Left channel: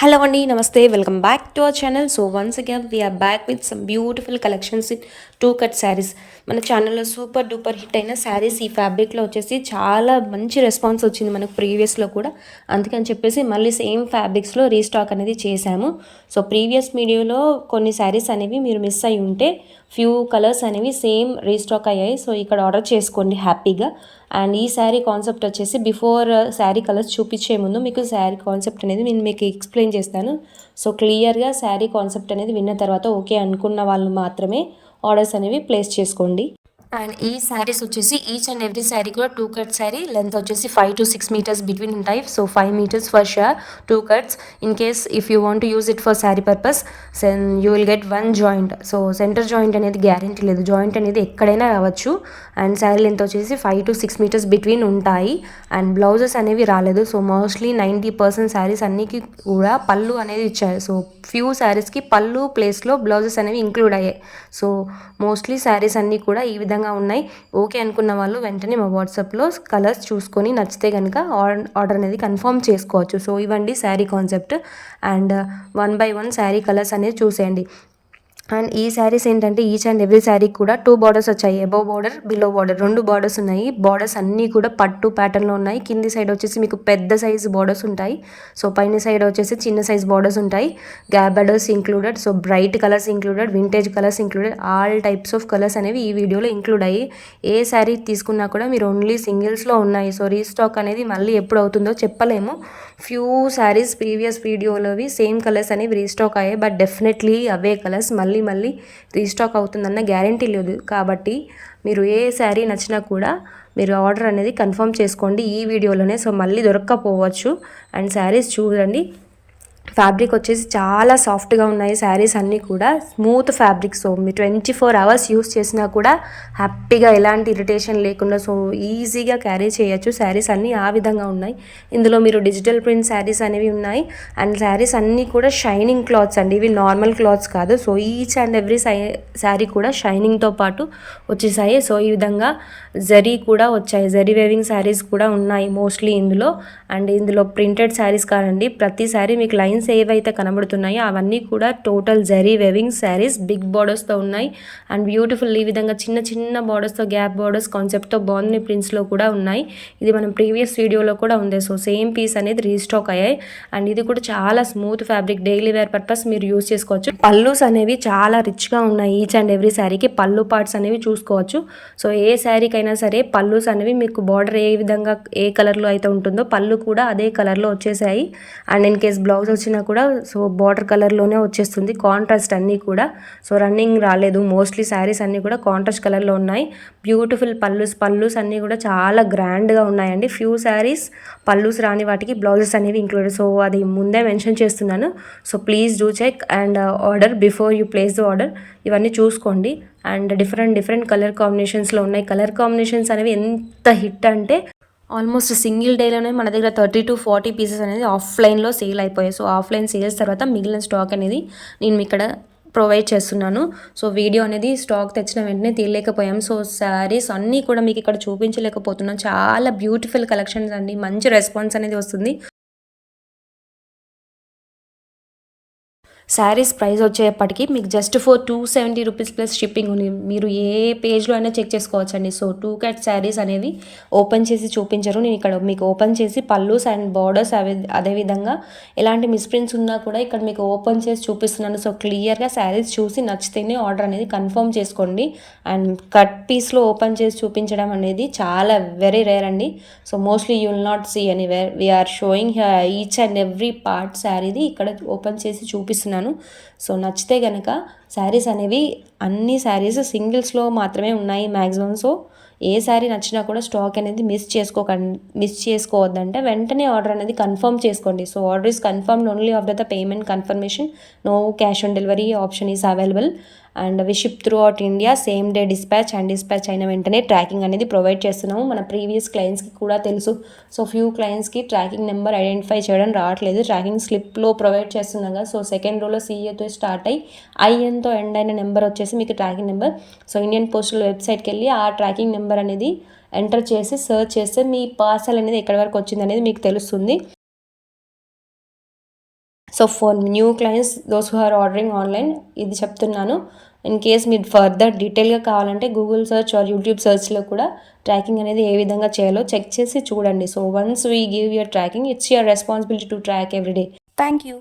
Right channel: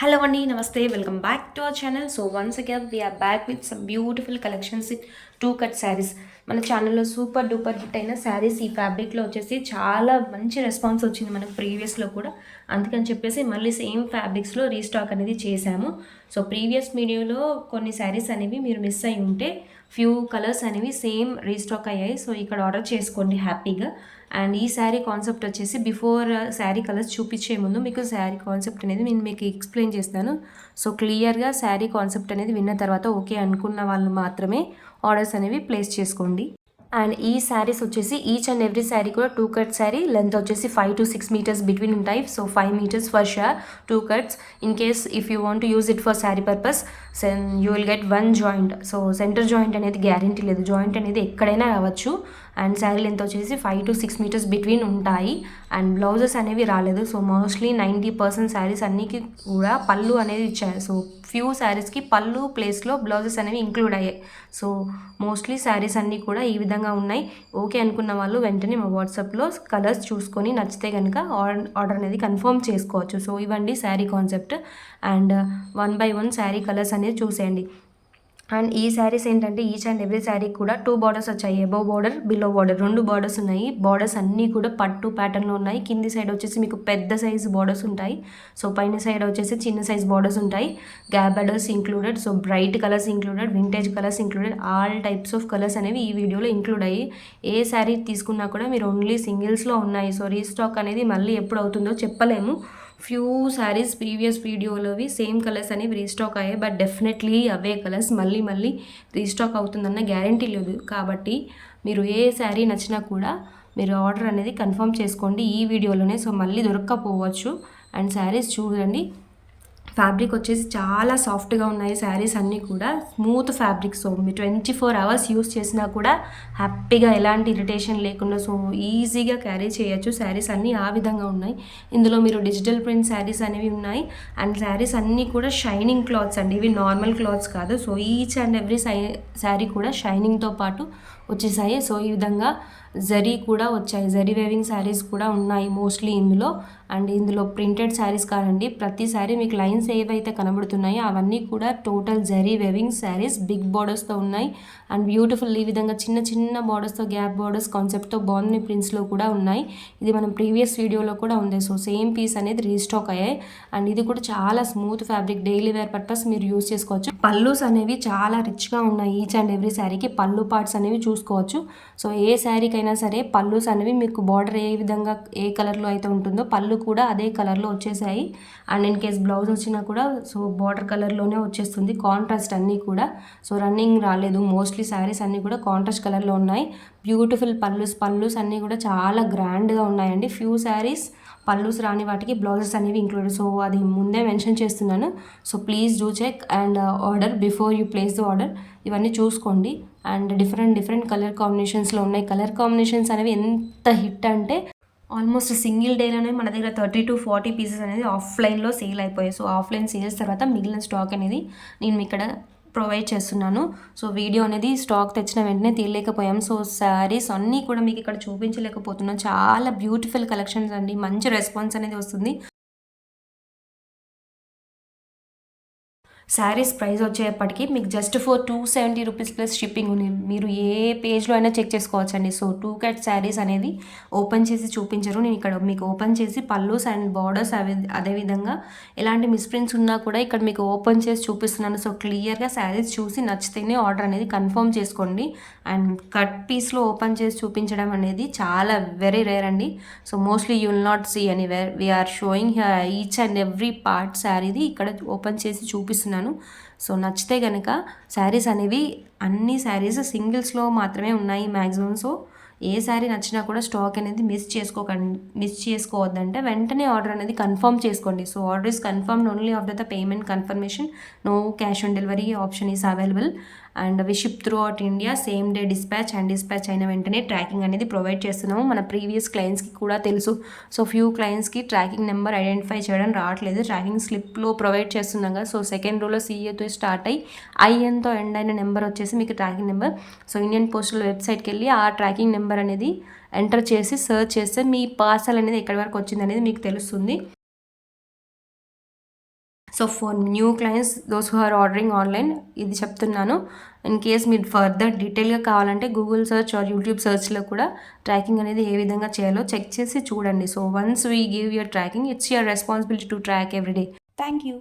Hello Andy, Namaste, welcome back to our channel. So once again we are back with some beautiful collections in two cut sarees. మన ఛానల్లో super duper hit అయిన శారీస్ ఈ ఫ్యాబ్రిక్లో వచ్చేసి చాలా మంచి response వచ్చింది మనకు ప్రీవియస్లో కూడా. అందుకని చెప్పేసి మళ్ళీ సేమ్ ఫ్యాబ్రిక్స్లో రీస్టాక్ అనేది చేశాము. సో ప్రీవియస్ వీడియోలో కొన్ని శారీస్ అనేవి మీరు మిస్ అయి ఉంటే ఫ్యూ కలర్స్ అనేవి సేమ్ రీస్టాక్ అయ్యాయి. సో ఇక్కడ ఆర్డర్ చేసుకోండి హ్యాపీగా. అండ్ ఈ శారీ కాన్సెప్ట్ వచ్చేసి బిఫోర్ శారీ కలర్స్ చూపించే ముందు మీకు శారీ కాన్సెప్ట్ అనేది నేను మీకు ఎక్స్ప్లెయిన్ చేస్తాను. సో క్లియర్గా శారీ కాన్సెప్ట్ అనేది విన్న తర్వాత ఓకే అనుకున్న వాళ్ళు మాత్రమే ఆర్డర్స్ అనేవి ప్లేస్ చేసుకోండి. అండ్ ఈ శారీస్ వచ్చేసి ఈచ్ అండ్ ఎవ్రీ శారీ కూడా టూ కట్ శారీ లెంత్ వచ్చేసి 5 to 6 meters బిట్వీన్ ఉంటాయి. So 5 meters for sure two cuts. In case if you want use it for sari purpose you will get one joint. So centre joint అనేది guarantee లేదు, joint అనేది ఎక్కడైనా రావచ్చు. And sari length వచ్చేసి 5 to 6 meters between ఉంటాయి. And blouses అనేవి రాలేదు. So mostly 90% saris అన్నికి కూడా పళ్ళు అనేది ఇచ్చారు. సో ఫ్యూ శారీస్కి పళ్ళు ప్లేస్లో బ్లౌజెస్ అనేవి ఇంక్లూడ్ అయ్యాయి. సో మోస్ట్లీ శారీస్ అన్నీ కూడా ఈ విధంగా ఉన్నాయి. ఓకే అనుకున్న వాళ్ళు వెంటనే మా వాట్సాప్లో కలర్స్ చూసుకొని నచ్చితే కనుక ఆర్డర్ అనేది కన్ఫర్మ్ చేసుకోవచ్చు. సో ఇవ్వండి sari concept. And 1 by 1 sari colours అనేది చూసేయండి. అండ్ ఈ శారీస్ ఏంటంటే ఈచ్ అండ్ ఎవ్రీ శారీ కూడా 2 బార్డర్స్ వచ్చాయి. Above border, below border, 2 borders ఉన్నాయి. బార్డర్స్ అన్నీ కూడా పట్టు ప్యాటర్న్లో ఉన్నాయి. కింది సైడ్ వచ్చేసి మీకు పెద్ద సైజ్ బార్డర్స్ ఉంటాయి. సో పైన సైడ్ వచ్చేసి చిన్న సైజ్ బార్డర్స్ ఉంటాయి. Gap borders included. So bright colours included, vintage colours included, all types of colours అనేవి ఈ వీడియోలో ఇంక్లూడ్ అయ్యి ఏ శారీ తీసుకున్నా కూడా మీరు ఓన్లీ సింగిల్స్లో ఉన్నాయి. సో రీస్టాక్ అనేది మళ్ళీ ఎప్పుడు అవుతుందో చెప్పలేము. ఫ్యూ శారీస్ ప్రీవియస్ వీడియోలోవి సేమ్ కలర్స్ అనేవి రీస్టాక్ అయ్యాయి. బట్ డెఫినెట్లీ అవే కలర్స్ మళ్ళీ రీస్టాక్ అవుతుందన్న గ్యారంటీ లేదు. కాబట్టి మీరు ఏ శారీ నచ్చినా కూడా మీరు ఆర్డర్ అనేది కన్ఫర్మ్ చేసుకోండి ఈ వీడియోలోనే. సో మళ్ళీ దొరక్కపోవచ్చు. అండ్ శారీస్ చూడండి, ఫ్యాబ్రిక్ వచ్చేసి చాలా సాఫ్ట్గా ఉన్నాయి శారీస్ అన్నీ కూడా. Smooth fabric. సో మీరు 24 hours యూస్ చేసినా కూడా హ్యాపీగా ఎలాంటి ఇరిటేషన్ లేకుండా సో ఈజీగా క్యారీ చేయొచ్చు. శారీస్ అన్నీ ఆ విధంగా ఉన్నాయి. ఇందులో మీరు డిజిటల్ ప్రింట్ శారీస్ అనేవి ఉన్నాయి. అండ్ శారీస్ అన్నీ కూడా షైనింగ్ క్లాత్స్ అండి, ఇవి నార్మల్ క్లాత్స్ కాదు. So each and every sari కూడా షైనింగ్తో పాటు వచ్చేసాయి. సో ఈ విధంగా జరీ కూడా వచ్చాయి. జరీ వేవింగ్ శారీస్ కూడా ఉన్నాయి మోస్ట్లీ ఇందులో. అండ్ ఇందులో ప్రింటెడ్ శారీస్ కాదండి, ప్రతి శారీ మీకు లైన్స్ ఏవైతే కనబడుతున్నాయో అవన్నీ కూడా total zari weaving saris big బార్డర్స్తో ఉన్నాయి. అండ్ బ్యూటిఫుల్ ఈ విధంగా చిన్న చిన్న బార్డర్స్తో గ్యాప్ బార్డర్స్ కాన్సెప్ట్తో బాగున్నాయి. ప్రింట్స్లో కూడా ఉన్నాయి. ఇది మనం ప్రీవియస్ వీడియోలో కూడా ఉంది. సో సేమ్ పీస్ అనేది రీస్టాక్ అయ్యాయి. అండ్ ఇది కూడా చాలా smooth fabric, daily wear purpose మీరు యూస్ చేసుకోవచ్చు. పల్లూస్ అనేవి చాలా రిచ్గా ఉన్నాయి. ఈచ్ అండ్ ఎవ్రీ శారీకి పళ్ళు పార్ట్స్ అనేవి చూసుకోవచ్చు. సో ఏ శారీకైనా సరే పల్లూస్ అనేవి మీకు బార్డర్ ఏ విధంగా ఏ కలర్లో అయితే ఉంటుందో పళ్ళు కూడా అదే కలర్లో వచ్చేసాయి. అండ్ ఇన్ కేస్ బ్లౌజ్ వచ్చినా కూడా సో బార్డర్ కలర్లోనే వచ్చేస్తుంది. కాంట్రాస్ట్ అన్నీ కూడా. సో రన్నింగ్ రాలేదు. మోస్ట్లీ శారీస్ అన్నీ కూడా కాంట్రాస్ట్ కలర్లో ఉన్నాయి. బ్యూటిఫుల్ పల్లూస్ అన్నీ కూడా చాలా గ్రాండ్గా ఉన్నాయండి. ఫ్యూ శారీస్ పల్లూస్ రాని వాటికి బ్లౌజెస్ అనేవి ఇంక్లూడెడ్. సో అది ముందే మెన్షన్ చేస్తున్నాను. So please do check and order before you place the order. ఇవన్నీ చూసుకోండి. అండ్ డిఫరెంట్ కలర్ కాంబినేషన్స్లో ఉన్నాయి. కలర్ కాంబినేషన్స్ అనేవి ఎంత హిట్ అంటే ఆల్మోస్ట్ సింగిల్ డేలోనే మన దగ్గర 30 to 40 పీసెస్ అనేది ఆఫ్లైన్లో సేల్ అయిపోయాయి. సో ఆఫ్లైన్ సేల్స్ తర్వాత మిగిలిన స్టాక్ అనేది నేను ఇక్కడ ప్రొవైడ్ చేస్తున్నాను. సో వీడియో అనేది స్టాక్ తెచ్చిన వెంటనే తీయలేకపోయాం. సో శారీస్ అన్నీ కూడా మీకు ఇక్కడ చూపించలేకపోతున్నాం. చాలా బ్యూటిఫుల్ కలెక్షన్స్ అండి, మంచి రెస్పాన్స్ అనేది వస్తుంది. శారీస్ ప్రైస్ వచ్చేప్పటికి మీకు just for 270 rupees plus shipping ఉంది. మీరు ఏ పేజ్లో అయినా చెక్ చేసుకోవచ్చండి. సో 2 కట్ శారీస్ అనేవి ఓపెన్ చేసి చూపించరు. నేను ఇక్కడ మీకు ఓపెన్ చేసి పల్లూస్ అండ్ బార్డర్స్ అదేవిధంగా ఎలాంటి మిస్ప్రింట్స్ ఉన్నా కూడా ఇక్కడ మీకు ఓపెన్ చేసి చూపిస్తున్నాను. సో క్లియర్గా శారీస్ చూసి నచ్చితేనే ఆర్డర్ అనేది కన్ఫర్మ్ చేసుకోండి. అండ్ కట్ పీస్లో ఓపెన్ చేసి చూపించడం అనేది చాలా వెరీ రేర్ అండి. So mostly you will not see anywhere. We are showing each and every part శారీది ఇక్కడ ఓపెన్ చేసి చూపిస్తున్నాను. సో నచ్చితే కనుక శారీస్ అనేవి అన్ని శారీస్ సింగిల్స్లో మాత్రమే ఉన్నాయి మ్యాక్సిమం. సో ఏ శారీ నచ్చినా కూడా స్టాక్ అనేది మిస్ చేసుకోవద్దంటే వెంటనే ఆర్డర్ అనేది కన్ఫర్మ్ చేసుకోండి. So order is confirmed only after the payment confirmation. No cash on delivery option is available. And we ship throughout India, same day dispatch. And dispatch అయిన వెంటనే tracking అనేది provide చేస్తున్నాము. మన previous క్లయింట్స్కి కూడా తెలుసు. So few క్లయింట్స్కి tracking number identify చేయడం రావట్లేదు. ట్రాకింగ్ స్లిప్లో ప్రొవైడ్ చేస్తున్నాం కదా. సో సెకండ్ రోలో CAతో స్టార్ట్ అయ్యి INతో ఎండ్ అయిన నెంబర్ వచ్చేసి మీకు tracking number. So Indian postal వెబ్సైట్కి వెళ్ళి ఆ ట్రాకింగ్ నెంబర్ అనేది ఎంటర్ చేసి సర్చ్ చేస్తే మీ పార్సల్ అనేది ఎక్కడి వరకు వచ్చింది అనేది మీకు తెలుస్తుంది. So for new clients those who are ordering online ఇది చెప్తున్నాను. ఇన్ కేస్ మీరు ఫర్దర్ డీటెయిల్గా కావాలంటే గూగుల్ సెర్చ్ ఆర్ యూట్యూబ్ సెర్చ్లో కూడా ట్రాకింగ్ అనేది ఏ విధంగా చేయాలో చెక్ చేసి చూడండి. So once we give your tracking, it's your responsibility to track every day. Thank you.